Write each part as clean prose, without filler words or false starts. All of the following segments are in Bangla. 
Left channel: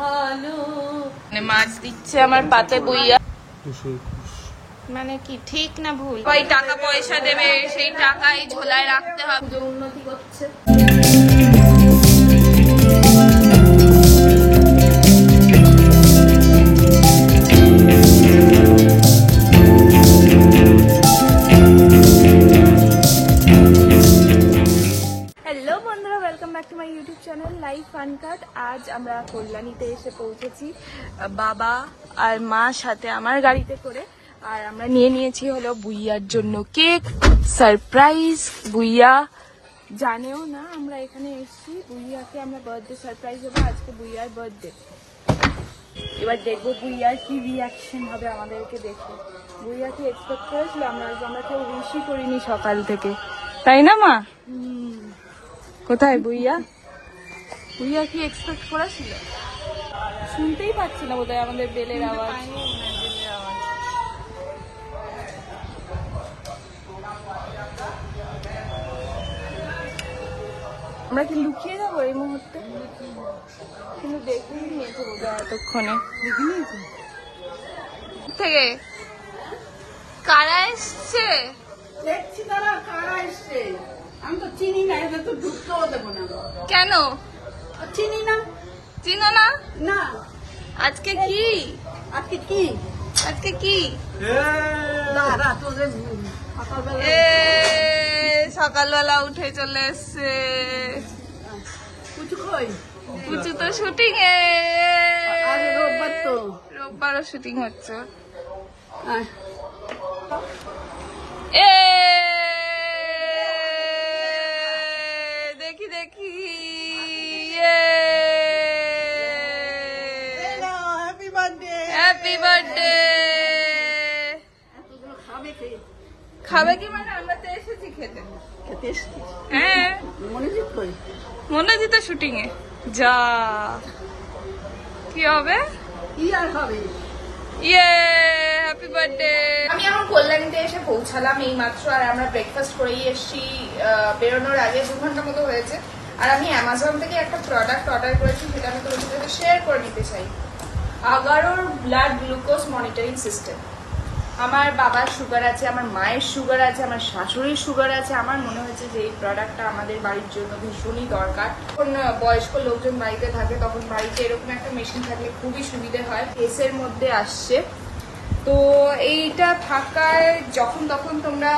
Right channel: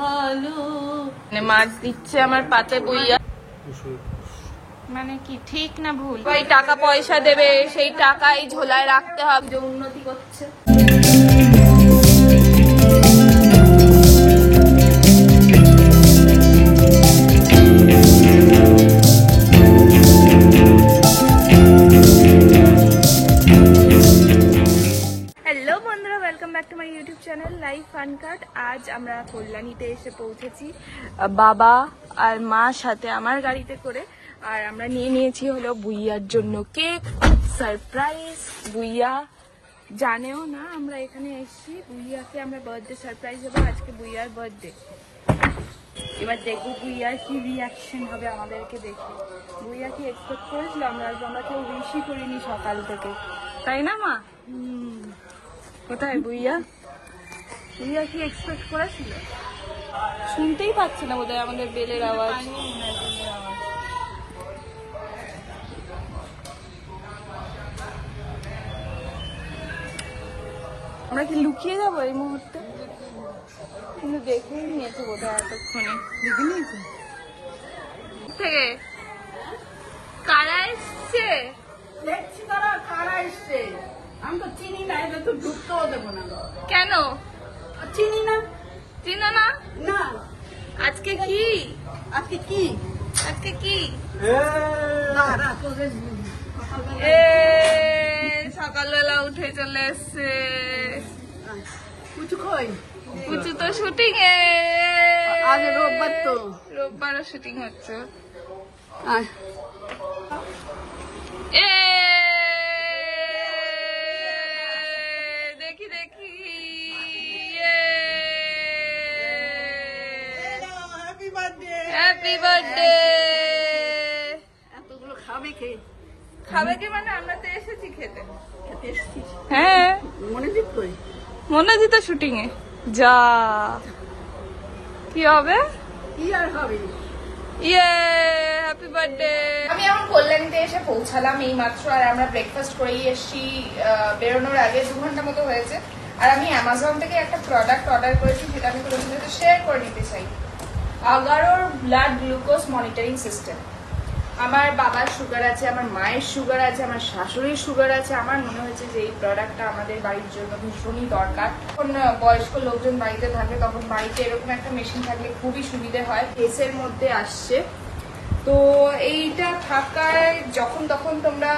ভালো মাছ দিচ্ছে আমার পাতে বইয়া, মানে কি ঠিক না ভুল? ওই টাকা পয়সা দেবে, সেই টাকাই ঝোলায় রাখতে হবে। যে উন্নতি করছে। হ্যালো বন্ধুরা, welcome back to my YouTube channel Life Fun Cut. আজ আমরা কল্যাণীতে এসে পৌঁছেছি বাবা আর মার সাথে আমার গাড়িতে করে। আর আমরা নিয়ে নিয়েছি হলো বুইয়ার জন্য কেক, সারপ্রাইজ। বুইয়া জানেও না আমরা এখানে এসেছি। বুইয়াকে আমরা বার্থডে সারপ্রাইজ দেবো, আজকে বুইয়ার বার্থডে। এবার দেখবো বুইয়ার কি রিয়াকশন হবে আমাদেরকে দেখে। বুইয়া কি এক্সপেক্ট করেছিল? আমরা কেউ উইশই করিনি সকাল থেকে, তাই না মা? কোথায় বুইয়া? বুইয়া কি এক্সপেক্ট করেছিল? শুনতেই পাচ্ছে না বোধহয় আমাদের বেলের আওয়াজ। আমরা কি লুকিয়ে যাবো এই মুহূর্তে? কিন্তু দেখেই নিয়েছে বোধহয় এতক্ষণে। দেখে নিয়েছে থেকে কারা এসছে? দেখছি তারা কারা এসছে। আমি তো চিনি না, এটা তো ঢুকতেও দেবো না। কেন চিনি না? চিনো না? না। আজকে কি? আজকে কি? আজকে কি? না না, তোদের এ সকালবেলা উঠে চলে এসছে কুচু কই? কুচু তো শুটিং এ। আজ রোববার তো। রোববারও শুটিং হচ্ছে। আয়। এ দেখি দেখি। Happy birthday. Happy birthday. এতগুলো খাবে কে? খাবে কি মানে? আমরা তো এসেছি খেতে। খেতে এসেছি। হ্যাঁ। মনোজিৎ কই? মনোজিৎ তো শুটিং এ। যা কি হবে? কি আর হবে? ইয়ে হ্যাপি বার্থডে। আমি এখন কল্যাণীতে এসে পৌঁছালাম এই মাত্র। আর আমরা ব্রেকফাস্ট করেই এসেছি। বেরোনোর আগে 2 ঘন্টা মতো হয়েছে। আর আমি অ্যামাজন থেকে একটা প্রোডাক্ট অর্ডার করেছি, সেটা আমি তোমাদের সাথে শেয়ার করে নিতে চাই। আগারোর ব্লাড গ্লুকোজ মনিটরিং সিস্টেম। আমার বাবার সুগার আছে, আমার মায়ের সুগার আছে, আমার শাশুড়ির সুগার আছে। আমার মনে হয়েছে যে এই প্রোডাক্টটা আমাদের বাড়ির জন্য ভীষণই দরকার। যখন বয়স্ক লোকজন বাড়িতে থাকে তখন বাড়িতে এরকম একটা মেশিন থাকলে খুবই সুবিধে হয়। কেসের মধ্যে আসছে তো এইটা থাকায় যখন তখন তোমরা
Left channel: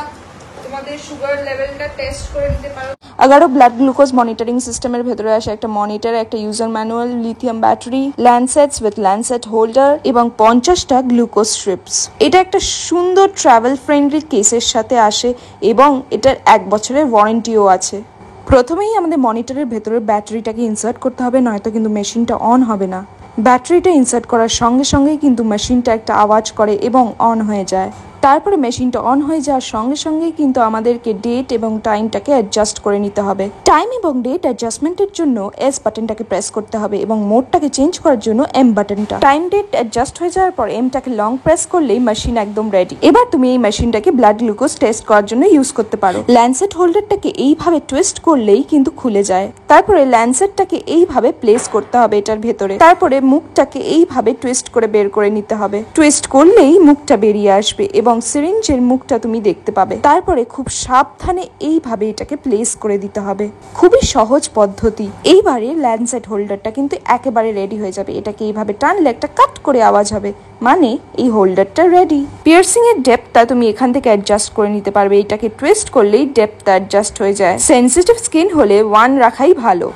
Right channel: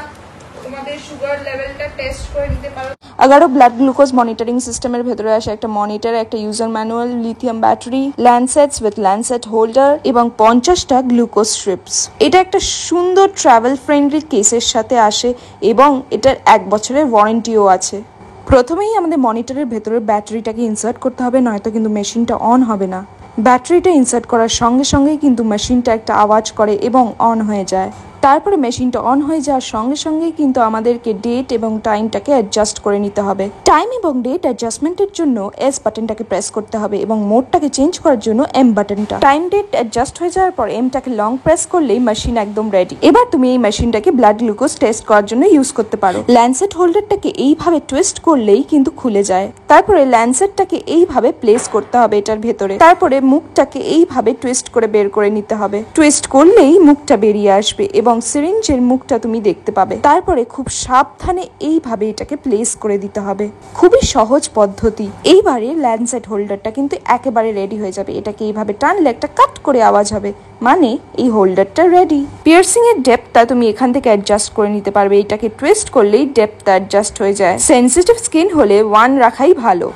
তোমাদের সুগার লেভেলটা টেস্ট করে নিতে পারো। আগারো ব্লাড গ্লুকোজ মনিটরিং সিস্টেমের ভেতরে আসে একটা মনিটর, একটা user manual, lithium battery, lancets with lancet holder এবং 50টা গ্লুকোজ স্ট্রিপস। এটা একটা সুন্দর ট্রাভেল ফ্রেন্ডলি কেসের সাথে আসে এবং এটার 1 বছরের ওয়ারেন্টিও আছে। প্রথমেই আমাদের মনিটরের ভেতরে ব্যাটারিটাকে ইনসার্ট করতে হবে, নয়তো কিন্তু মেশিনটা অন হবে না। ব্যাটারিটা ইনসার্ট করার সঙ্গে সঙ্গেই কিন্তু মেশিনটা একটা আওয়াজ করে এবং অন হয়ে যায়। তারপরে মেশিনটা অন হয়ে যাওয়ার সঙ্গে সঙ্গেই কিন্তু আমাদেরকে ডেট এবং টাইমটাকে অ্যাডজাস্ট করে নিতে হবে। টাইম এবং ডেট অ্যাডজাস্টমেন্টের জন্য এস বাটনটাকে প্রেস করতে হবে এবং মোডটাকে চেঞ্জ করার জন্য এম বাটনটা। টাইম ডেট অ্যাডজাস্ট হয়ে যাওয়ার পর এমটাকে লং প্রেস করলেই মেশিন একদম রেডি। এবার তুমি এই মেশিনটাকে ব্লাড গ্লুকোজ টেস্ট করার জন্য ইউজ করতে পারো। ল্যান্ডসেট হোল্ডারটাকে এইভাবে টুইস্ট করলেই কিন্তু খুলে যায়। তারপরে ল্যান্ডসেটটাকে এইভাবে প্লেস করতে হবে এটার ভেতরে। তারপরে মুখটাকে এইভাবে টুইস্ট করে বের করে নিতে হবে। টুইস্ট করলেই মুখটা বেরিয়ে আসবে এবং সিরিঞ্জের মুখটা তুমি দেখতে পাবে। তারপরে খুব সাবধানে এইভাবে এটাকে প্লেস করে দিতে হবে। খুবই সহজ পদ্ধতি। এইবারে ল্যান্ডসেট হোল্ডারটা কিন্তু একেবারে রেডি হয়ে যাবে। এটাকে এইভাবে টানলে একটা কাট করে আওয়াজ হবে, মানে এই হোল্ডারটা রেডি। পিয়ার্সিং এর ডেপথটা তুমি এখান থেকে অ্যাডজাস্ট করে নিতে পারবে। এটাকে টুইস্ট করলেই ডেপথটা অ্যাডজাস্ট হয়ে যায়। সেনসিটিভ স্কিন হলে 1 রাখাই ভালো।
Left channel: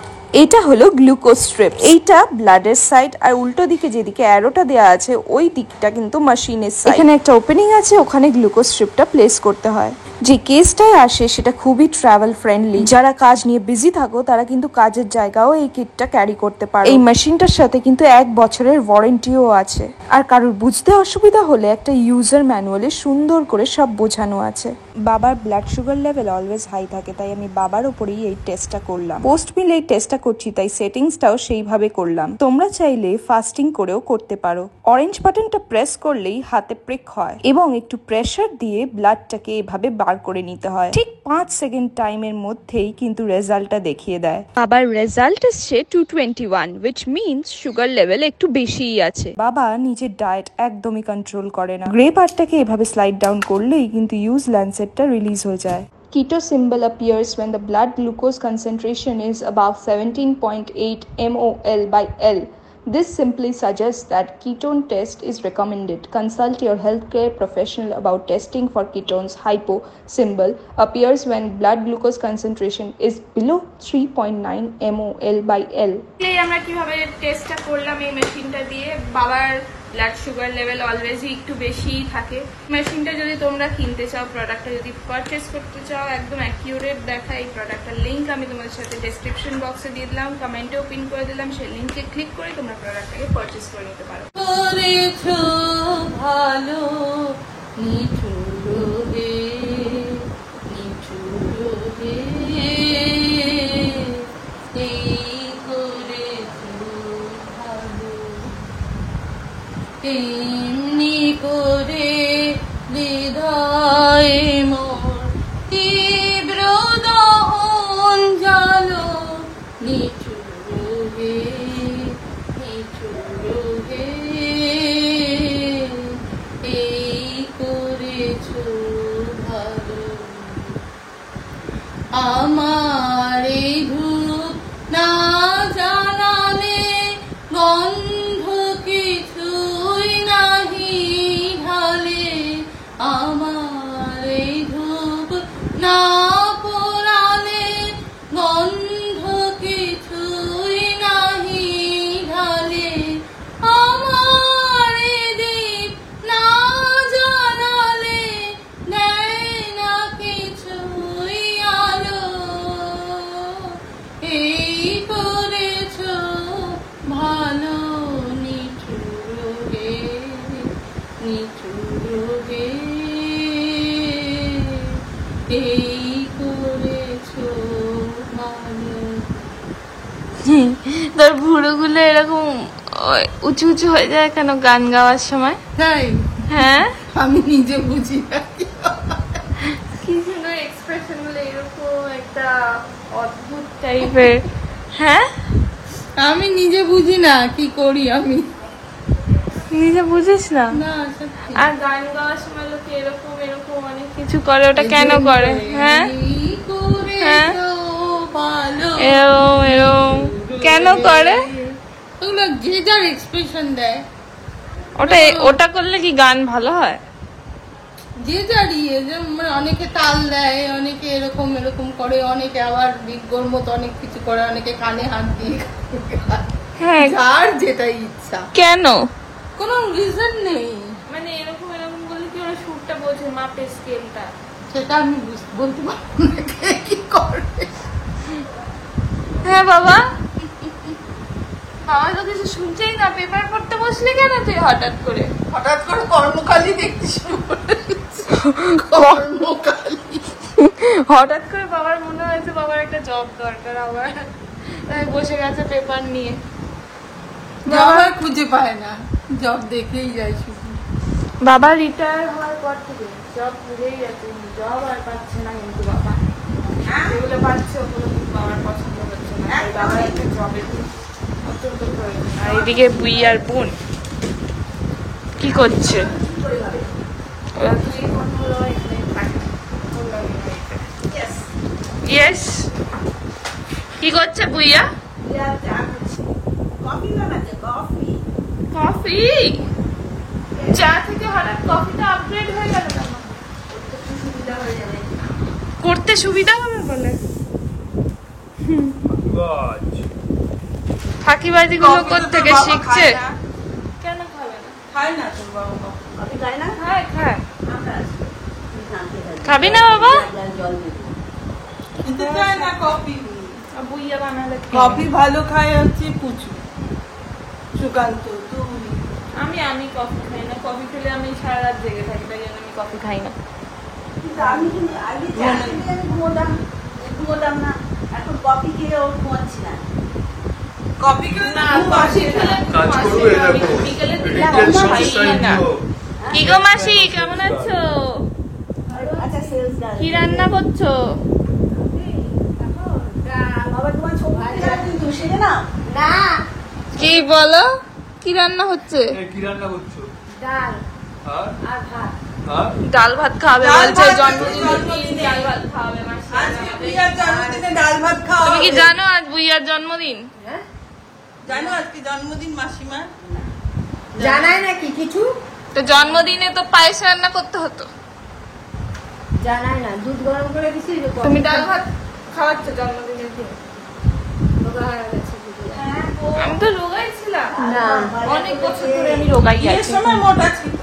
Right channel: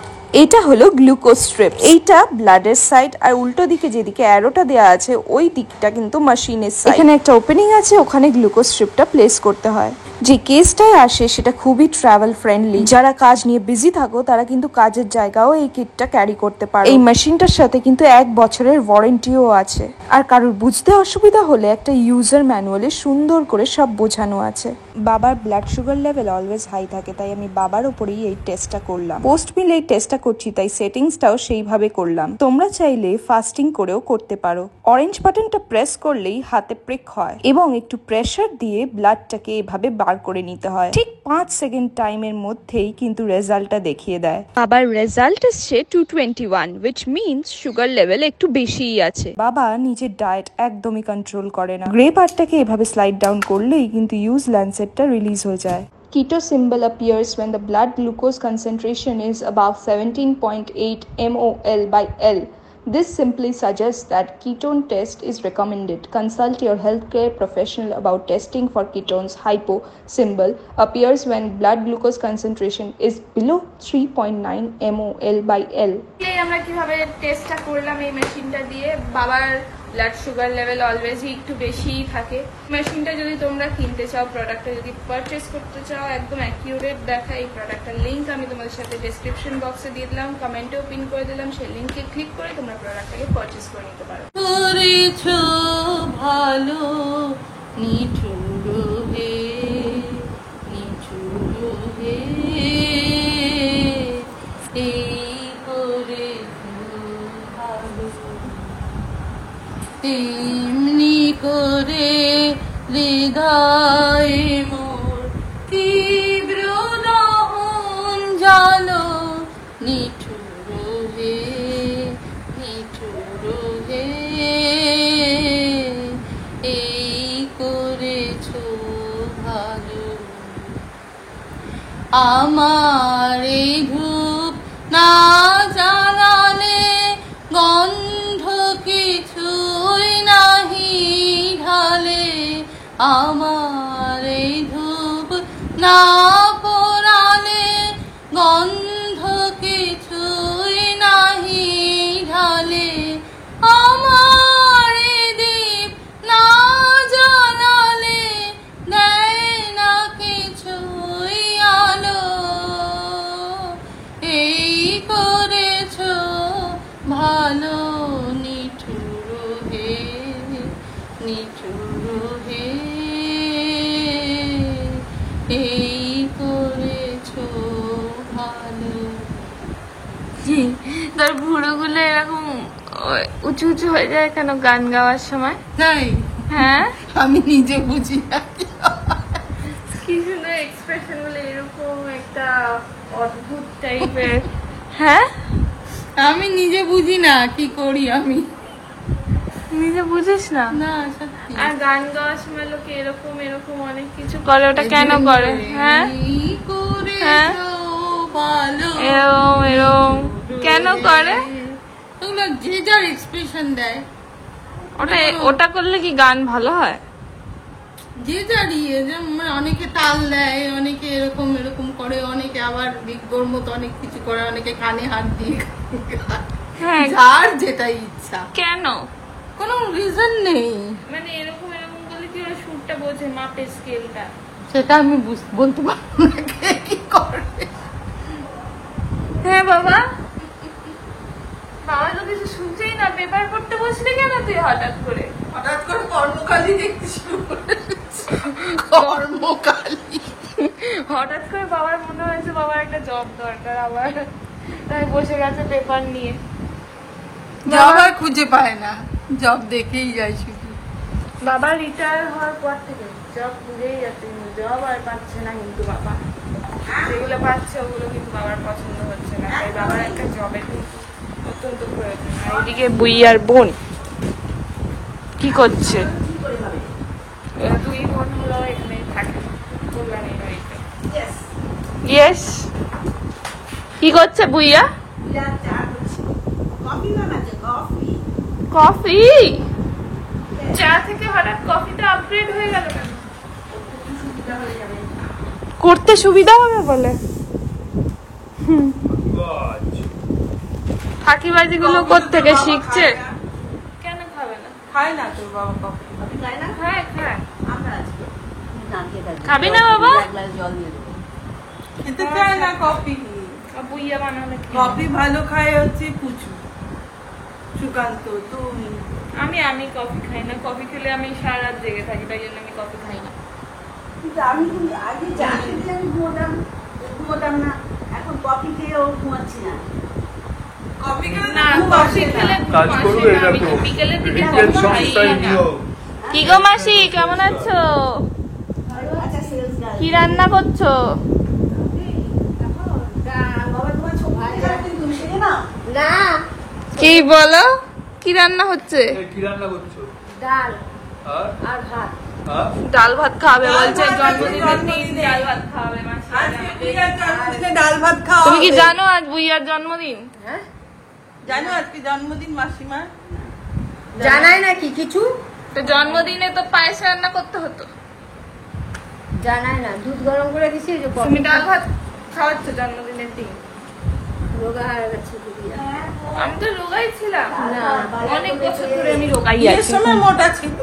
এটা হলো গ্লুকোজ স্ট্রিপ। এইটা ব্লাডের সাইড, আর উল্টো দিকে যেদিকে অ্যারোটা দেওয়া আছে ওই দিকটা কিন্তু মেশিনের সাইড। এখানে একটা ওপেনিং আছে, ওখানে গ্লুকোজ স্ট্রিপটা প্লেস করতে হয়। যে কেসটায় আসে সেটা খুবই ট্রাভেল ফ্রেন্ডলি। যারা কাজ নিয়ে বিজি থাকো তারা কিন্তু কাজের জায়গাও এই কিটটা ক্যারি করতে পারে। এই মেশিনটার সাথে কিন্তু 1 বছরের ওয়ারেন্টিও আছে। আর কারোর বুঝতে অসুবিধা হলে একটা ইউজার ম্যানুয়ালে সুন্দর করে সব বোঝানো আছে। বাবার blood sugar level always high থাকে, তাই আমি বাবার উপরেই এই টেস্টটা করলাম। পোস্ট মিল এই টেস্টটা করছি, তাই সেটিংসটাও সেইভাবে করলাম। তোমরা চাইলে ফাস্টিং করেও করতে পারো। অরেঞ্জ বাটনটা প্রেস করলেই হাতে প্রিক হয় এবং একটু প্রেসার দিয়ে ব্লাডটাকে এভাবে বার বার করে নিতে হয়। ঠিক 5 সেকেন্ড টাইমের মধ্যেই কিন্তু রেজাল্টটা দেখিয়ে দেয়। বাবার রেজাল্ট এসছে 221, which means সুগার লেভেল একটু বেশিই আছে। বাবা নিজের ডায়েট একদমই কন্ট্রোল করে না। গ্রে পার্টটাকে এভাবে স্লাইড ডাউন করলেই কিন্তু ইউজ ল্যান্সেটটা রিলিজ হয়ে যায়। Keto symbol appears when the blood glucose concentration is above 17.8 mol/L. This simply suggests that ketone test is recommended. Consult your healthcare professional about testing for ketones. Hypo symbol appears when blood glucose concentration is below 3.9 mol/L. আমরা কিভাবে টেস্টটা করলাম এই মেশিনটা দিয়ে। বাবার ব্লাড সুগার লেভেল অলওয়েজই একটু বেশিই থাকে। মেশিনটা যদি তোমরা কিনতে চাও, প্রোডাক্টটা যদি পারচেস করতে চাও, একদম অ্যাকিউরেট দেখা এই প্রোডাক্টটার লিঙ্ক আমি তোমাদের সাথে ডেসক্রিপশন বক্সে দিয়ে দিলাম, কমেন্টেও পিন করে দিলাম। সেই লিঙ্কে ক্লিক করে তোমরা প্রোডাক্টটাকে পারচেস করে নিতে পারো। করেছো ভালো নিঠুর হে, নিঠুর হে, এই করেছো ভালো, এমনি করে হৃদয় মোর তীব্র দহন জালো, নিঠুর হে, নিঠুর হে, এই করেছো ভালো। আমার এই ধূপ না জ্বালালে গন্ধ কিছুই নাহি ঢালে, আমার এই ধূপ না পোড়ালে গন্ধ কিছুই নাহি ঢালে, আমার এই দীপ না জ্বালালে দেয় না কিছুই আলো, এই করেছো ভালো নিঠুর হে, নিঠুর হে, এই করেছো ভালো। তোর ভুঁড়োগুলো এরকম উঁচু উঁচু হয়ে যায় কেন গান গাওয়ার সময়? তাই? হ্যাঁ, আমি নিজে বুঝি না কি সুন্দর এক্সপ্রেশন গুলো, এরকম একটা অদ্ভুত টাইপের। হ্যাঁ, আমি নিজে বুঝি না কি করি আমি। নিজে বুঝিস না? না সত্যি। আর গান গাওয়ার সময় লোকে এরকম এরকম অনেক কিছু করে, ওটা কেন করে? হ্যাঁ, এই করেছো হ্যাঁ। ভালো, এরম এরম কেন করে? ওগুলো যে যার এক্সপ্রেশন দেয়, ওটা ওটা করলে কি গান ভালো হয়? যে যারই মানে অনেকে তাল দেয়, অনেকে এরকম এরকম করে, অনেকে আবার বিজ্ঞর মতো অনেক কিছু করে, অনেকে কানে হাত দিয়ে গায়। হ্যাঁ, যার যেটাই ইচ্ছা, কেন? কোনো রিজন নেই। মানে এরকম এরকম করলে কি ওরা সুরটা বোঝে, মাপে স্কেলটা? সেটা আমি বলতে পারবো না কে কি করে। হ্যাঁ বাবা, বাবা তো কিছু শুনছেই না। পেপার পড়তে বসলে কেন তুই হঠাৎ করে? হঠাৎ করে কর্মকালী দেখতে শুরু করেছি। কর্মকালী হঠাৎ করে বাবার মনে হয়েছে বাবার একটা জব দরকার আবার, তাই বসে গেছে পেপার নিয়ে। বাবা খুঁজে পায় না, জব দেখেই যায় শুধু। বাবা রিটায়ার হওয়ার পর থেকে জব বুঝেই যাচ্ছে, জব আর পাচ্ছে না। কিন্তু বাবা যেগুলো পাচ্ছে ওগুলো কিন্তু বাবার পছন্দ হচ্ছে না, তাই বাবার একটা জবের কিন্তু অত্যন্ত প্রয়োজন। আর এদিকে বুই আর বোন কি করছে? এরা দুই বোন হলো এখানে থাকে কল্যাণী বাড়িতে। ইয়েস, কি করছে বুইয়া? কফি? চা থেকে হঠাৎ কফিতে আপগ্রেড হয়ে গেল কেন? করতে সুবিধা হবে বলে। ফাঁকিবাজি গুলো কোত্থেকে শিখছে? কেন খাবে না? খায় না তো বাবা, খায় খায়। খাবি না বাবা? কিন্তু খায় না কফি। বুইয়া বানালে কফি ভালো খায় হচ্ছে পুচু, সুকান্ত। তুমি? আমি কফি খাই না। কফি খেলে আমি সারা রাত জেগে থাকি, তাই জন্য আমি কফি খাই না। আমি আগে ঘুমোতাম না, এখন কফি খেয়ে ও ঘুমাচ্ছি না। কফি খেলে না, কফি খেলে কাজ করবে দেখো, বিকেলের দিকে রিটেল কফি খাই সংস্থায় না। দিও। কি গো মাসি, কেমন আছো? আচ্ছা সেলস গার্ল কি রান্না করছো? বাবা তোমার ছবি তুমি শিখে না না, কি বলো, কি রান্না হচ্ছে? কি রান্না করছো? ডাল আর আর ভাত। আর ডাল ভাত খাবে বলছে, জন্মদিনের দিন ডাল ভাত খাওয়াবে মাসি। ডাল ভাত খাও। তুমি কি জানো আজ বুইয়ার জন্মদিন? হ্যাঁ, জানো আজকে জন্মদিন মাসিমা? জানাই নাকি কিছু? তো জন্মদিনে তো পায়েস রান্না করতে হতো। জানাই না, দুধ গরম করে দিছি। তুমি ডাল ভাত খাওয়াচ্ছ জন্মদিনের দিন? রোগা হয়ে গেছে দিদি। আমি তো রোগাই ছিলাম না, অনেক বছর ধরে, আমি রোগাই আছি। সময় মোটা ছিল,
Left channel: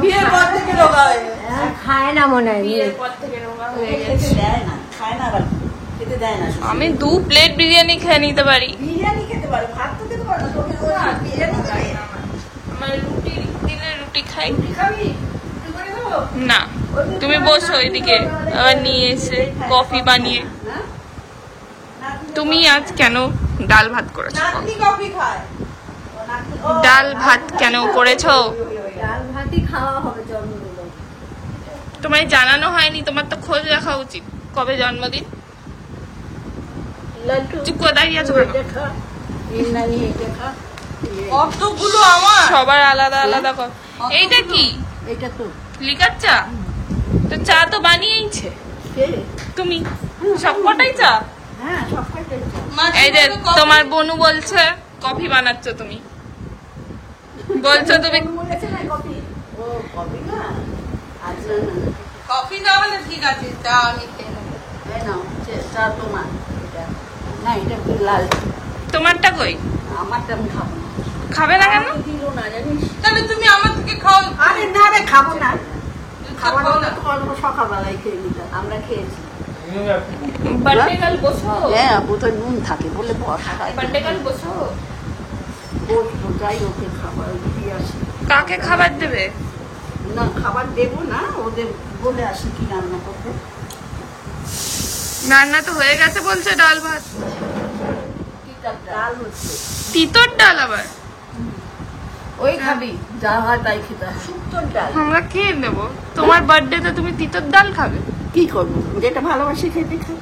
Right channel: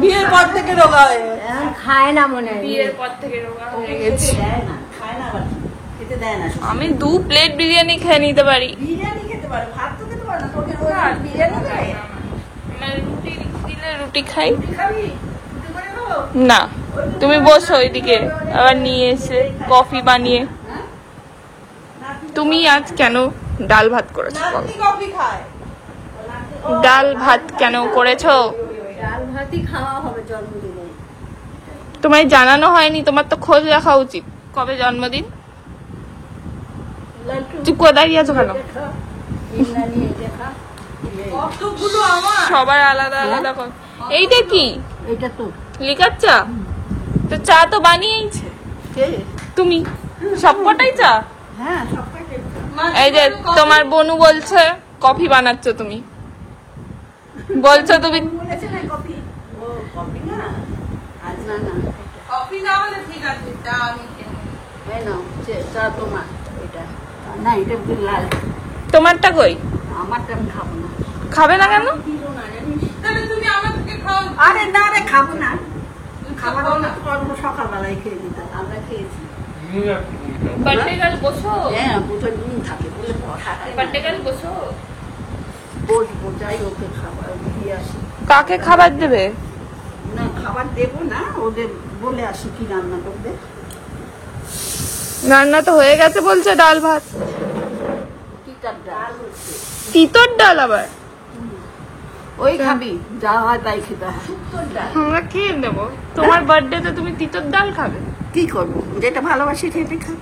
বিয়ের পর থেকে রোগা হয়ে গেছে। এখন খায় না মনে হয়। বিয়ের পর থেকে রোগা হয়ে গেছি। খেতে দেয় না, খায় না রাখি, খেতে দেয় না। আমি 2 প্লেট বিরিয়ানি খেয়ে নিতে পারি। বিরিয়ানি খেতে পারে, ভাত তো খেতে পারে না। তুমি বিরিয়ানি খাবে? আমার রুটি দিলে রুটি খাই খাবি? না। তুমি বসো এদিকে, আবার নিয়ে এসে কফি বানিয়ে। তুমি আজ কেন ডাল ভাত করেছো বলো? নাতি কফি খায়। ডাল ভাত কেন করেছো? ডাল ভাতই খাওয়া হবে জন্মদিনে। তোমায় জানানো হয়নি? তোমার তো খোঁজ রাখা উচিত। কবে জন্মদিন? লাড্ডু চুপ করে দাঁড়িয়ে আছো কেন? এটা খা, ইন্দ্রাণী এটা খা। কতগুলো আমার। সবার আলাদা আলাদা কর। এইটা কি এটা তো লিকার চা? তো চা তো বানিয়েইছে কে? তুমি, সবকটাই চা। হ্যাঁ, সব খাইতে এই যে তোমার বনু বলছে কফি বানাচ্ছ তুমি, বলছো তুমি। বলেছে না কফি। ও কফি না, আচ্ছা কফি না হলে ঠিক আছে, চা আমি খেয়ে নেবো। এই নাও চা তোমার। এটা না, এটা লাল। তোমারটা কই? আমারটা আমি খাবো না। খাবে না কেন? দিব না জানিস? তাহলে তুমি আমার থেকে খাও। আরে না রে, খাবো না। খাবো খাবার না। না করবো, সকালবেলায় খেয়ে নিতাম। আমরা খেয়েছি। বার্থডে গার্ল বসো, হ্যাঁ, ওদের নুন থাকে বলে বার্থডে গার্ল বসো। বসবো, যাই ওকে খাবার দিয়ে আসি। কাকে খাবার দেবে? না, খাবার দেবো না, ওদের বলে আসি কি রান্না করবে। রান্না তো হয়ে গেছে বলছে, ডাল ভাত। তিতার ডাল হচ্ছে। তিতর ডাল আবার? ওই খাবি, যা হয় তাই খেতে হয়। আমরা খেয়ে নেবো। তোমার বার্থডেতে তুমি তিতর ডাল খাবে? কি করবো, যেটা ভালোবাসি খেতে খাবো।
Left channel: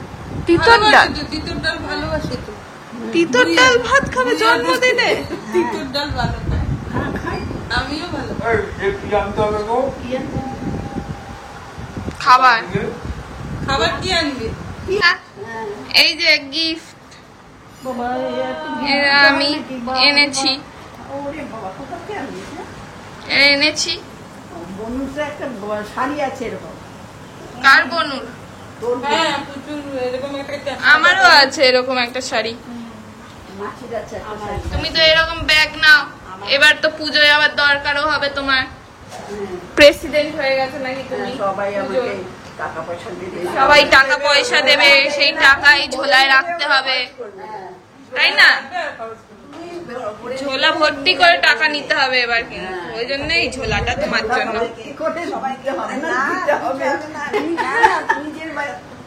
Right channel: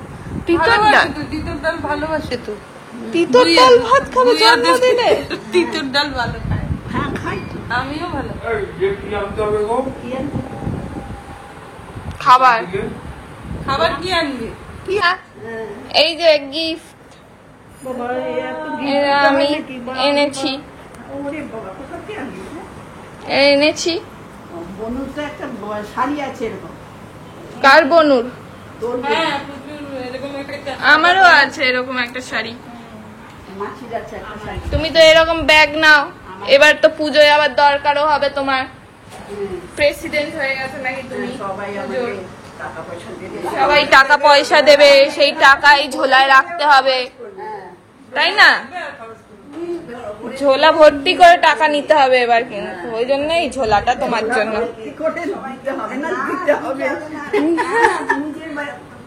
তিতর ডাল? তিতর ডাল ভালোবাসে তো। তিতর ডাল ভাত খাবে জন্মদিনে? তিতর ডাল ভালো খায়। হ্যাঁ, খাই। আমিও ভালো। কি আনতে হবে গো? খাবার। খাবার কি আনবি? হ্যাঁ, এই যে গিফট বাবা, এটা আমি এনেছি, ওরে বাবা, কোথা থেকে আনবি? এনেছি। বনুর তো একটা শাড়ি আছে এরকম। কার বনুর? তোর হ্যাঁ, প্রচুর এরকম একটা আমারও আছে এরকম একটা শাড়ি। মাছির আছে একটা শাড়ি। তুমি তো এরকম ব্যাগ নাও, এবার তো পুজোয় আবার দরকারও হবে তোমার। প্রেসিডেন্ট হয়ে গেছে নাকি তুমি? সবাই পুজোর। আমাকে টাকা পয়সা দেবে। সবাই টাকা পয়সা দেবে, সেই টাকাই ঝোলায় রাখতে হবে, তাই না? ঝোলা ভর্তি করে টাকা নিতে হবে এবার, কিন্তু ওই জন্য এই ঝোলাটা তোমার জন্য। কি করে দিতে হবে না, দিতে হবে। নিজের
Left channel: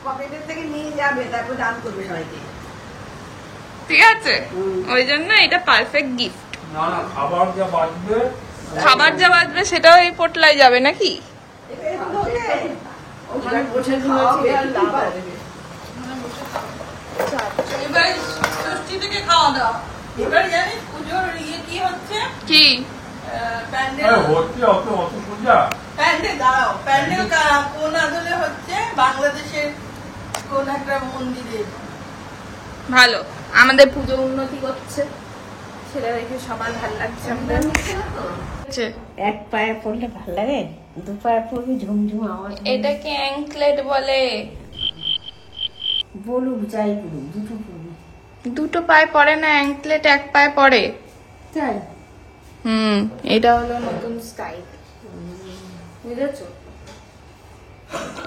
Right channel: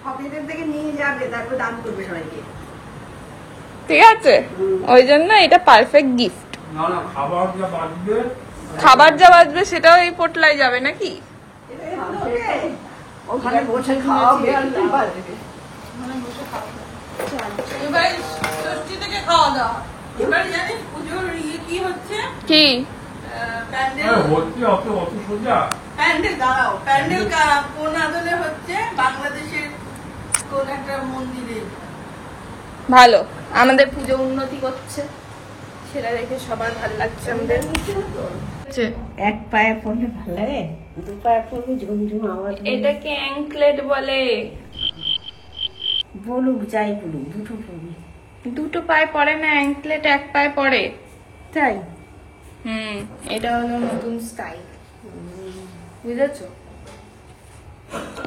পকেটের থেকে নিয়ে যাবে, তারপর দান করবে সবাইকে। ঠিক আছে, ওই জন্য এটা পারফেক্ট গিফট। না না, খাবার যা বাঁচবে খাবার যা বাঁচবে সেটাও এই পোটলায় যাবে নাকি? ওখানে বসে খাওয়াবে, লাভ হবে। এবারে ষষ্ঠী থেকে খাওয়া দাওয়া। এবার জানিস পুজোর ইয়ে কি হচ্ছে? কি? প্যান্ডেল। হচ্ছে অত অত সোজা। প্যান্ডেল দাঁড়াও, প্যান্ডেল কোন আদলে হচ্ছে? বাংলাদেশের কোন একটা মন্দিরে। ভালো, আমাদের পুজো উন্নতি করছে, সেটা দেখে সবার ভালো লাগছে আমাদের। এক পায়ে পড়লে ভালো লাগে, দু পায়ে পড়লে ঝুমঝুম আওয়াজ হয়। এটাকে অ্যাঙ্কলেট বলে। বলুক যাই বলুক, দুটো পড়বে। দুটো পায়ে পড়ে না, অ্যাঙ্কলেট এক পায়ে পড়ে। তাই? এটা হলো নতুন স্টাইল, বুঝেছো?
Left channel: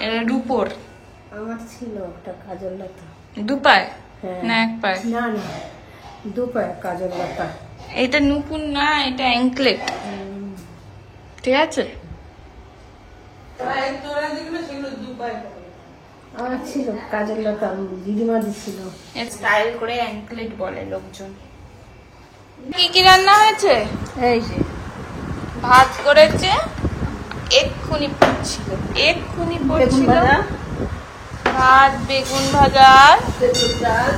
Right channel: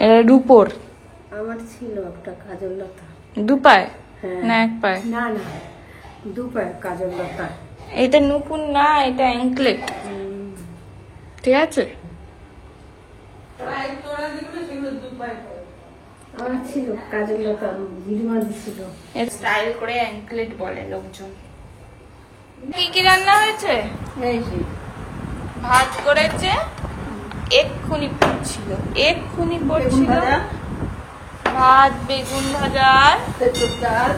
এটা রূপোর। আমার ছিল একটা কাজল লতা। দু পায়ে হ্যাঁ। না এক পায়ে? না না, দু পায়ে কাজল লতা। এটা নুপুর না, এটা অ্যাঙ্কলেট, ঠিক আছে? পায়ের তোরা দেখলে সেগুলো দুপায়। আমার ছিল কাজল লতা, দিদিমা দিছিল। স্টাইল করে অ্যাঙ্কলেট বলে লোকজন। কি কি রান্না হয়েছে? এই যে ভাত করেছে, এক্ষুনি পড়ছিল বেগুন ভাজা, ভাত, বেগুন ভাজা, তেঁতুল ডাল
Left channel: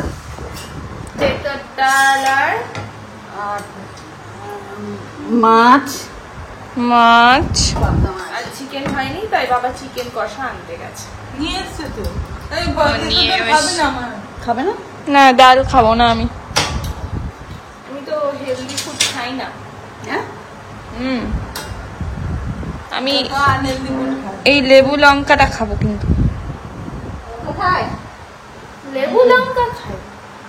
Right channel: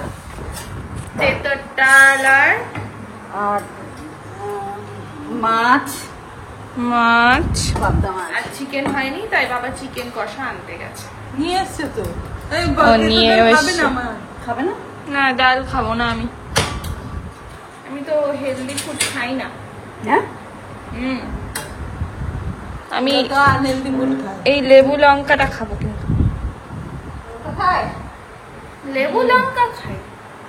তেঁতুল ডাল আর আর মাছ, মাছ। পাবদা মাছ। আর চিকেন হয়নি, তাই বাবা চিকেন কষা আনতে গেছে। নিয়ে এসছে তো। এই ও নিয়ে খাবে এসছে। না মা? খাবে না? না, ডাল খাবো না আমি তো হেলদি ফুড খাই না। হ্যাঁ? আমি তো unhealthy food খায়। এই লেবু লঙ্কাটা খাবো, কিন্তু খায়? লেবু লঙ্কা খাই,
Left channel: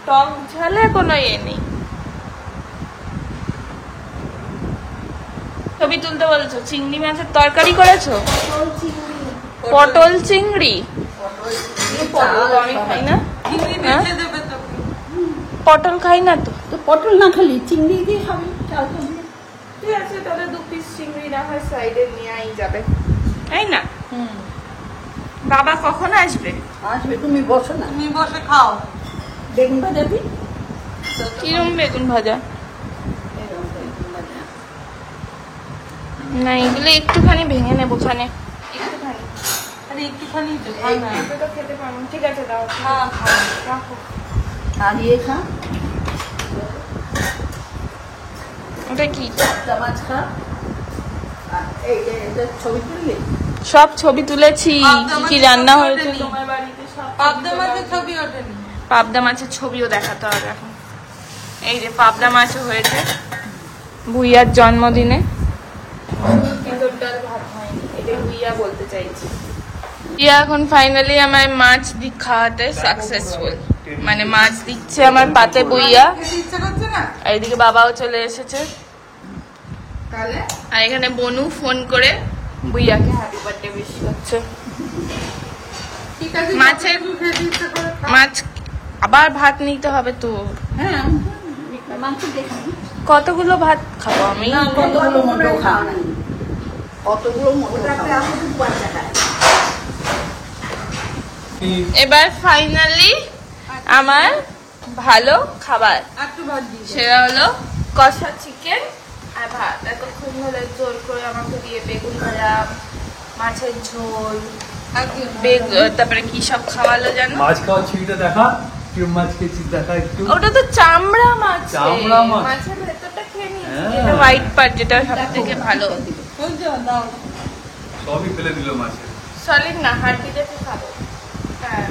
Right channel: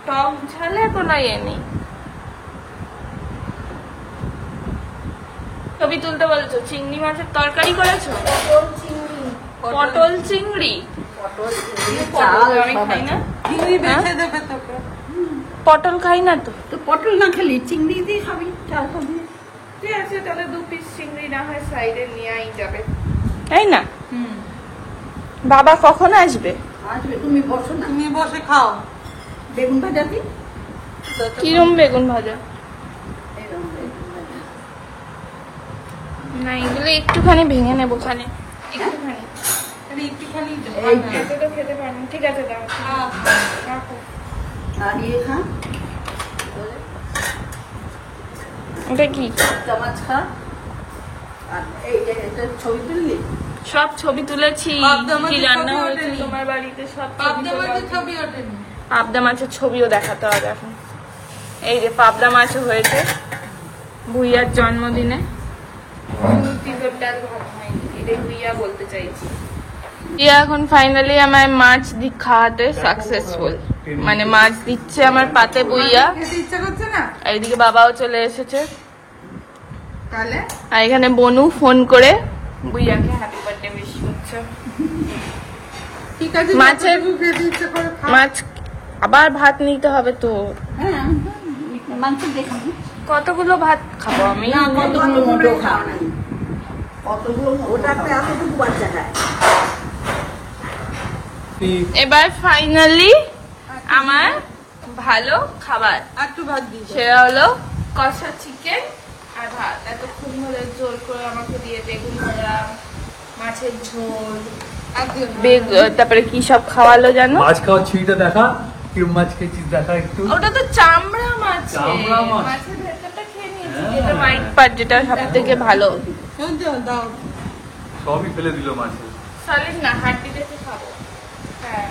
টক ঝালে কোনো নেই। ছবি তুলতে বলেছো, চিংড়ি মাছের তরকারি করেছো, পটল চিংড়ি। পটল আমি খাই না, চিংড়ি হ্যাঁ? বেঁচে দেবে তোকে। পটল খাই না তো। তো পটল না খালি চিংড়ি দিয়ে খাবি, চাল করবি। ঠিক আছে, তাহলে 2 পিস চিংড়ি না হয় সাইডে নিয়ে যাবে, তাই না? বাবা কখন আসবে? আসবে, তুমি বসো না। তুমি বসে খাও। বেগুন ভাজা দি। কিরম বেগুন ভাজা? না, এগুলো একটুখানি ভেঙে নেবো, খানে একটুখানি। আমি একটুখানি এত তো খেতে পারবো না। ঠিক আছে, দাও, রাখো। আর ইয়ে খা, ওটা কি? চামচ খা। আর এই যে এটা ছবি তুললি? সব ছবি তুলেছি, পাবদা কি মাছের রান্না ছবি হয়েছে ওঠেনি। তোমার বাড়িতে, সব পাবদা মাছের ছবি ওঠেনি। পাবদা মাছের ছবিও দেখাতে হবে এখন। এই যে পাবদা মাছও হয়েছে ভুইয়ার জন্মদিনে। তিতর ডাল ভাত হয়নি, এটাই ভুইয়া বলতে চাইছি। ভুইয়া এখন ফাইনালি আমায় মাছ খাওয়াতে সাকসেসফুল, মানে মাছ দিচ্ছে আমার পাতে ভুইয়া। ইচ্ছা করছে না? আর এদিকে বাবাও চলে এসেছে। তাহলে আর এখানে বনু ফোন করে ভুইয়াকে হ্যাপি বার্থডে উইশ করছে। ঠিক আছে, মাছের খেতে ইচ্ছা করে খা। মাছ আবার ভাত নিতে হবে তো। হ্যাঁ, মাংস দেখবি। কতগুলো ভাত খাবো আমি? না, কতগুলো মোটো খাও না। কতগুলো মোটো ওটাতে আমি তো বাচ্চা খায়। এবার ফাইনালি আমার ভালো খাবার, একটু ভাত দিই। সেটা হলো কষা চিকেন আর ভাত। এতক্ষণ ধরে জোর করে আমাকে দিয়ে বেগুন ভাজা, মাছের ঝোল, তারপরে কি সব খাওয়ালো জানো? মাছ খাওয়ার ছবিটা দেখা, কি মাছ খেয়েছিস দেখা একটু। ওটা তো চামড়া মাছ, চামড়া মাছ। মাছের ভেতরটা খেয়ে নিয়েছি, হ্যাঁ। যেটা হোয়াইট পার্ট, যেটা সব থেকে ভালো। চলছে না, দাও। সবই ফেলে দিল মাছে। সলিড না, হাড্ডি দেখে খাবো। হ্যাঁ,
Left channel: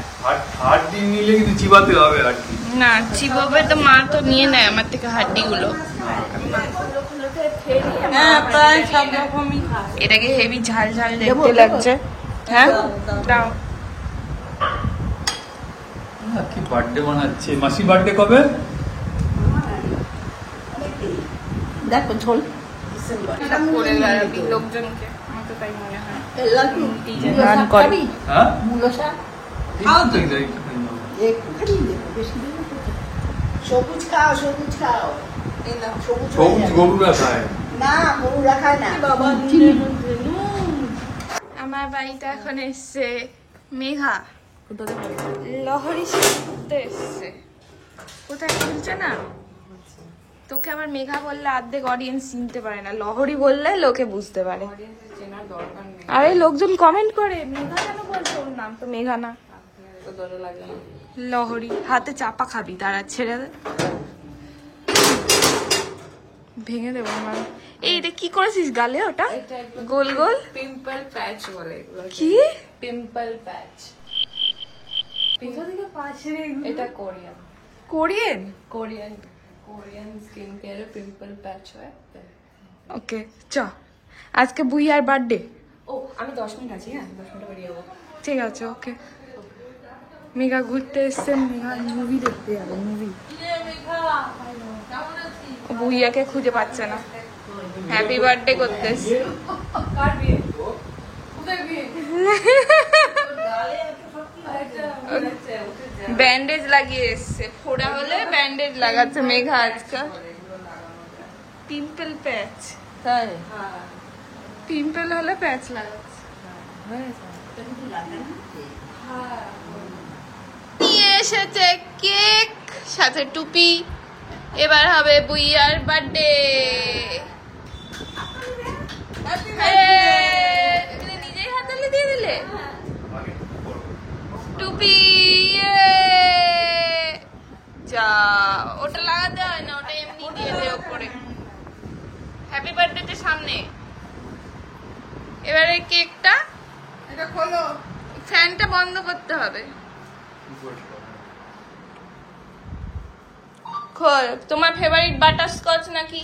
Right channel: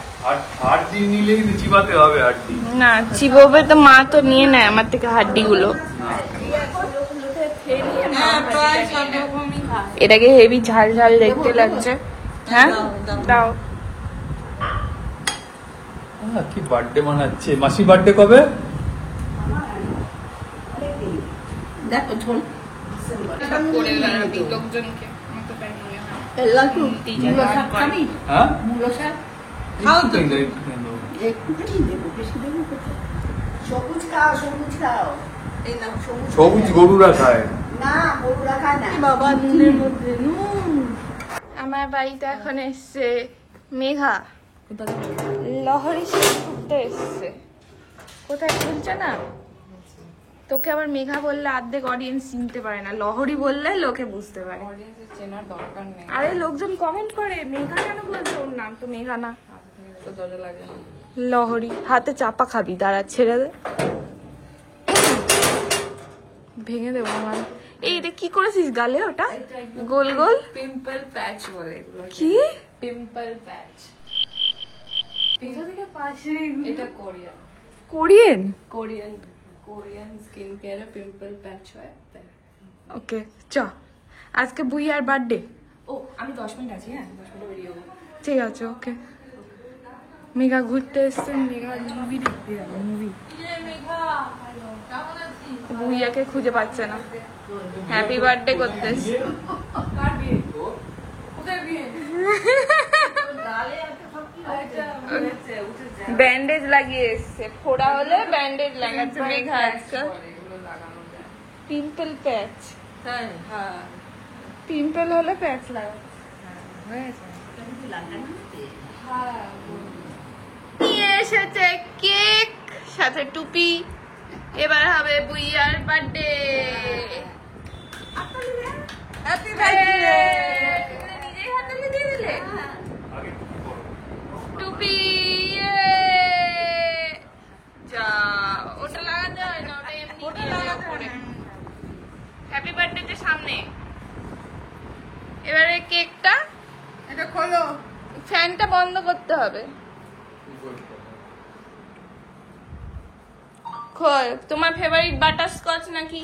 আট দিন নিলে কিন্তু চিবাতে হবে 8 দিন। না চিবোবে তো, মা তো নিয়ে নেয় আমার থেকে হাড্ডিগুলো। হ্যাঁ, প্রায় সব রকমই খায়। এটাকে হেভি ঝাল ঝাল দেখতে লাগছে। হ্যাঁ, দাও। কি বার্থডে বানাচ্ছে, মাসি বার্থডে কবে? দেখো ঝোল। করে বেড়াবি লোকজনকে, আমার তো তাই মনে হয়। লাকি টিজার গান করে। হ্যাঁ, মূলো শাক একটুখানি দাও, একটুখানি দাও। একটুখানি দেবো, বেশি দেবো না। সবুজ খাও, সবুজ খাও। এই দেখো, সবুজ সবুজ গরুরা খায়। না, গরুরা খায় না। বাবা নুনের মধ্যে নুন। আমার বাড়িতে এখন এসছে মেঘা, লহরি শিখতে ঘুরতে এসছে। কোথায় খুলছে না, তোকে আবার মেঘা বললে অর্ধেক অডিয়েন্স চিনতে পারে না, লহরি বললে লোকে বুঝতে পারে। আরে লোকজন কমেন্ট করে মেঘা কেন বলছে, ওর নাম তো মেঘা না। লহরি হাতে চাপা খাবি, দাঁড়া ছেড়ে দে, ভেঙে দেবো আমার। এই রে কি করেছিস গালে, ওটা গোল গোল পিম্পল প্যাচ বলে এগুলো, কি? পিম্পল প্যাচ। এটা Korean Korean? Korean Korean skin কেয়ারে পিম্পল প্যাচ হয়। ওকে চ, আজকে বুইয়ার বার্থডে। ও, আমি 10 মিনিট আছি, হ্যাঁ 10 মিনিটে বেরিয়ে যাবো। ঠিক আছে, ওকে। মেঘা ঘুরতে এসছে, মেঘা মুভি দেখতে যাবে, মুভি। বুইয়াকে খুঁজে পাচ্ছে না, হ্যাপি বার্থডে করতে এসছে। ব্যান্ডেজ লাগিয়ে এসছে, ফোড়া হলে ব্যান্ডেজ লাগাচ্ছে মেঘা আজকাল। পিম্পল প্যাচ, হ্যাঁ, পিম্পল হলে প্যাচ লাগাচ্ছে। নিয়ে এসেছে কেক, সাথে টুপি। এবার হবে বুইয়ার বার্থডে। হ্যাপি যা ওটা লাগাতে হয় না, ওটা এমনি দিয়ে দে ওপরে। হ্যাপি বার্থডে সামনে, এবারে কেকটা এটা খোলো। ফ্যানটা বন্ধ করতে হবে। খোল। তোমার ফেভারিট বাটারস্কচ নাকি?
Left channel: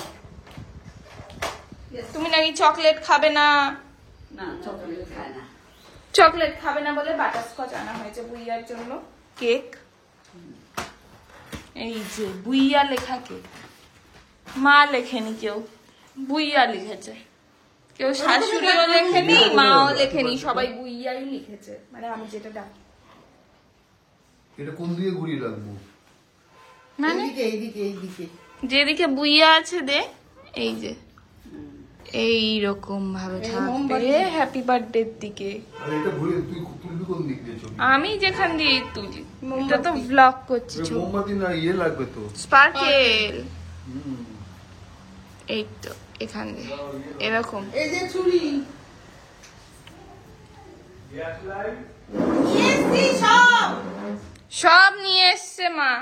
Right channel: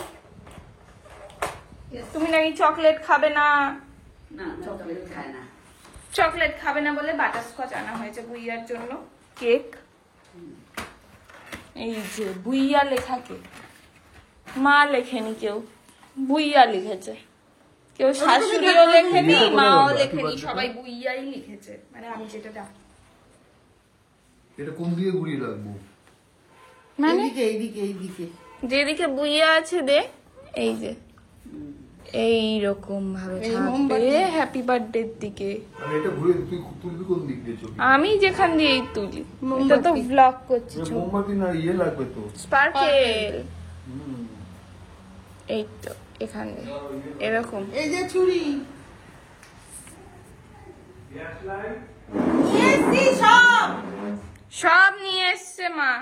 তুমি নাকি চকলেট খাবে না? চকলেট খাবে না বলে বাটারস্কচ আনা হয়েছে বুইয়ার জন্য। কেক এই যে বুইয়া লেখা কেক, মা লেখেনি কেউ, বুইয়া লিখেছে। কেউ শাশুড়িও লেখেনি, মাও লেখেনি, সবাই বুইয়াই লিখেছে। মানে আমি যেটা ডাকি। এটা কোন দিকে ঘুরিয়ে রাখবো? মানে এইদিকে যেদিকে বুইয়া আছে দে, এই যে এইরকম ভাবে থাকবে হ্যাপি বার্থডে দিকে। আর এটা ঘুরিয়ে তুই তুলবি কোন দিক দিয়ে ছবি? আমি যেখান দিয়েই তুলি, এটা তো ব্লগ করছি। মোমবাতি না ইয়ে লাগবে তো, স্পার্কেল। এই তো এখান দিয়ে এরকম। এই যে চুড়ি সব নিয়ে এসছে মা।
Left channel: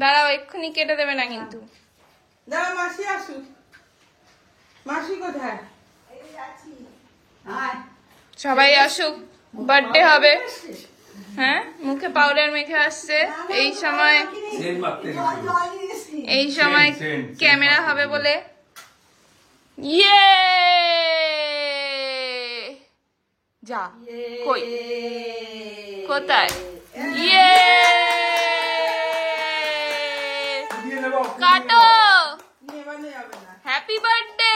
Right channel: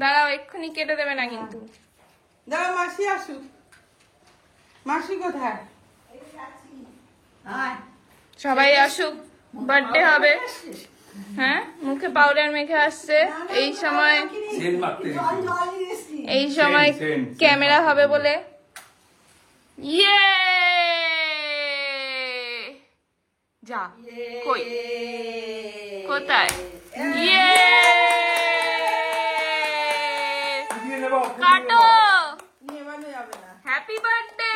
দাঁড়াও, এক্ষুনি কেটে দেবে না কিন্তু। দাঁড়া, মাসি আসুক। মাসি কোথায়? সবাই আসুক, বার্থডে হবে। হ্যাঁ, মুখে পাউডার মেখে আসছে। এই সময় ক্যামেরা হবে বলে। ইয়ে যা কই কোথায়? ইয়ে কাটো। Happy birthday.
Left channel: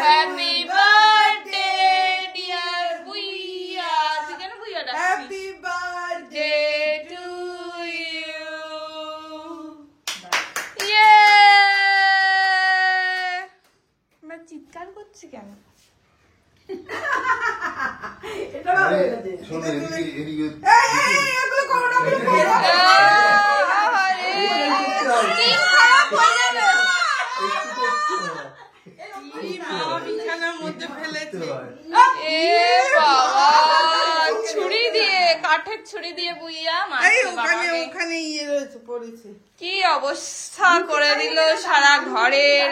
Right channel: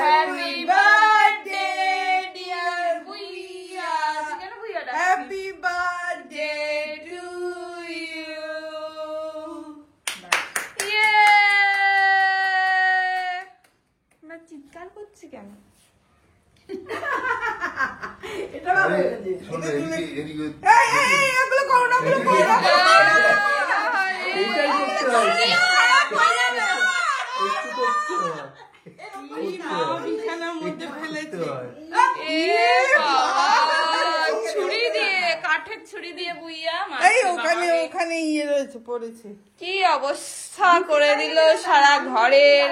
Happy birthday dear বুইয়া। কেন বুইয়া ডাকছি? Happy birthday to you. ইয়ে আমরা চিৎকার করছি কেন? শোনো এদিকে এদিকে খারাপ হয়ে যাবে। বিছানার মধ্যে ফেলেছে। এ বাবা, ছুরি দিয়ে, কাঠের ছুরি দিয়ে বুইয়া এই ওখানে ইয়ে রয়েছে, পড়েছে। কি অবস্থা করে দিল সারা ঘরের।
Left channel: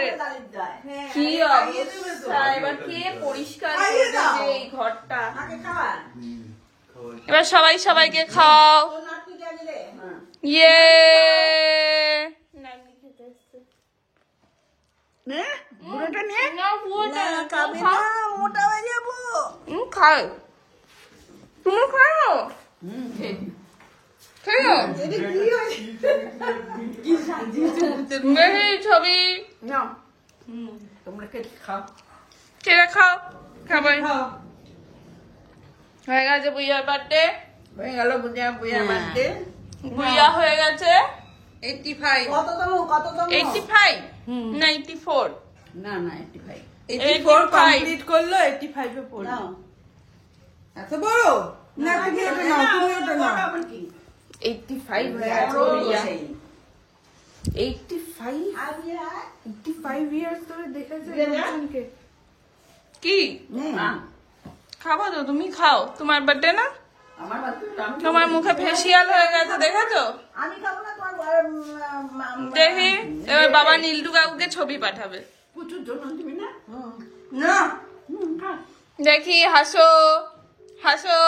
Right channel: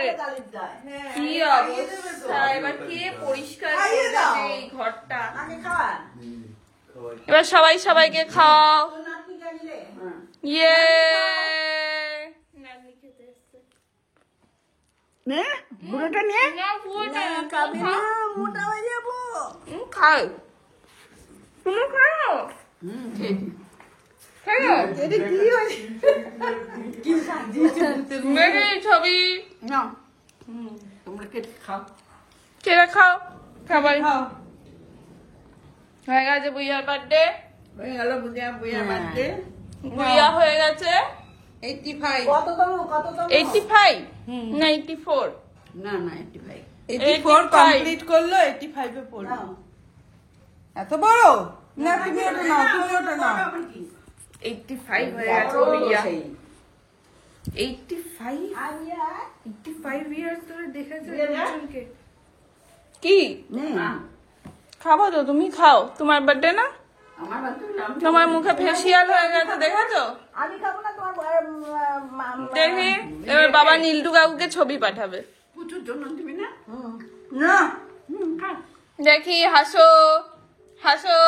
কি অবস্থা, এবার কে পরিষ্কার করবে যে এই ঘরটা? এবার সবাই সবাইকে খাওয়াও। ইয়ে না, পুরোটা না, মোটা হয়ে যাবো। খাও। তুমি খাও, খাও। দেখি ছবি তোমরা কেটে খাও। কেটে খাও, খাবাই হয়ে গেছে। বুইয়ার বার্থডে হয়ে গেল। বুঝিয়া বার্থডে। বুইয়া হয়ে গেছে 85। 85 না 84? না 85 85 কমপ্লিট করলো। 85 এ পড়লো। এত বড় না, তুমি ওটা নাও, তুমি ওটা নাও। 85 হয়ে গেছে বুইয়া। 85 ইয়ার্স ধরে দেখেছে লোকজনকে। কি খাবো তো? তুমি খাও, তোমার বার্থডে না? তোমার মুখে ফেসিয়াল হয়ে গেছে, দেখেছো? দেখি এবার বাবা নীলটু কাকুকে ছবি পাঠাবে। প্রচুর জন্য তুমি না। দেখি, হাসো হাসো।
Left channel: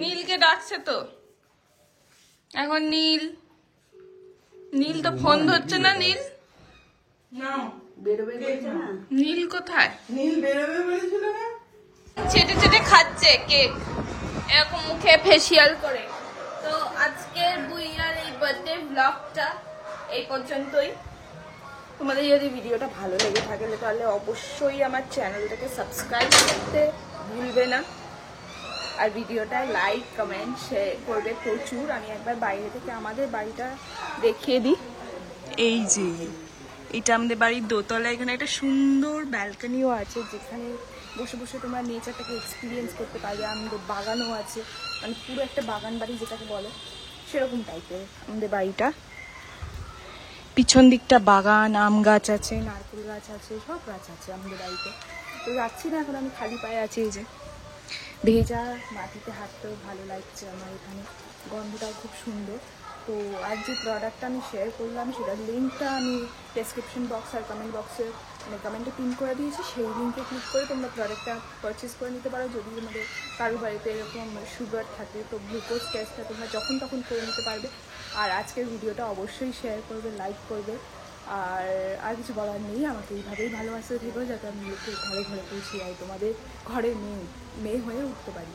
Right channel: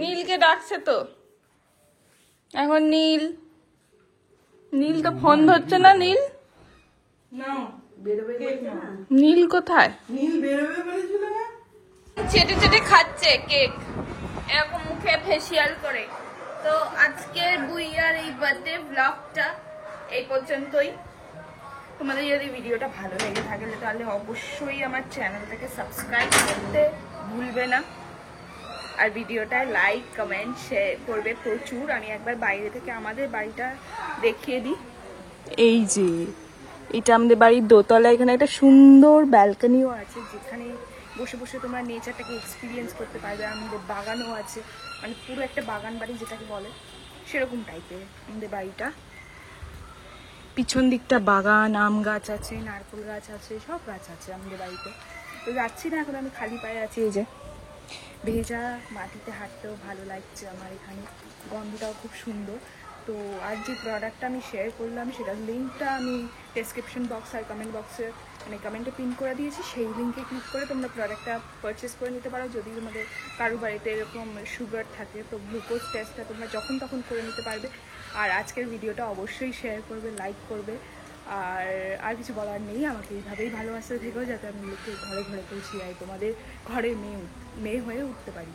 নীলকে ডাকছে তো এখন। নীল তো ফোন ধরছে না। নীল কোথায়? নীল বেরোবে বলেছিল না। চেটে চেটে খাচ্ছে কেক, এরকম মুখে ফেসিয়াল করে। তো আজকের বুইয়ার এই বার্থডে ব্লগটা এই পর্যন্তই। তোমাদের যদি ভিডিওটা ভালো লেগে থাকে তাহলে অবশ্যই আমার চ্যানেলটাকে সাবস্ক্রাইব করতে ভুলবে না। আর ভিডিওটা লাইক কমেন্ট শেয়ার করবে প্রচুর। আমি একবার বাইরে থেকে আমাদের বাড়িটা দেখিয়ে দিই। এই যে এটা আমাদের বাড়ির দোতলা। এখানে একটা সুন্দর ব্যালকনিও আছে, যেখানে বসে বসে তোমরা নেচারটাকে এক্সপিরিয়েন্স করতে পারবে। আমাদের বাগানও আছে, মানে পুরো একটা বাগান বাড়ি যেটাকে বলে সেরকম টাইপের আমাদের বাড়িটা। পিছন দিকটা বাগান, আম গাছ আছে, নারকেল গাছ আছে, সব গাছ আছে আমাদের বাড়িতে। তো যাচ্ছি না এখন, আমি খালি পায়ে আছি। এই যে ভেজা মাটিতে হাঁটতেও ভালো লাগছে আমার, এখানে গন্ধটাও খুব সুন্দর। তো আর যে প্রোডাক্টটা আমি শেয়ার করলাম সেটার লিঙ্কটা আমি ডেসক্রিপশন বক্স আর কমেন্ট বক্সে মানে কমেন্টে পিন করে দিয়েছি। সেই লিঙ্কে ক্লিক করে তোমরা প্রোডাক্টটা পারচেস করে নিতে পারো। যদি তোমাদের কারো বাড়িতে এরকম সুগার থাকে তো গ্লুকোজ টেস্টটা তোমরা যখন তখন করে নিতে পারবে। আর আজকের ভিডিওটা অবশ্যই শেয়ার করবে, লাইক করবে। আর কিছু বলার নেই, আমাকে এইভাবেই ভালোবাসতে থেকেও যাতে আমি লোককে ঘরে ঘরে পৌঁছে যাই, তোমাদের ঘরে মেয়ে হয়ে উঠতে পারি।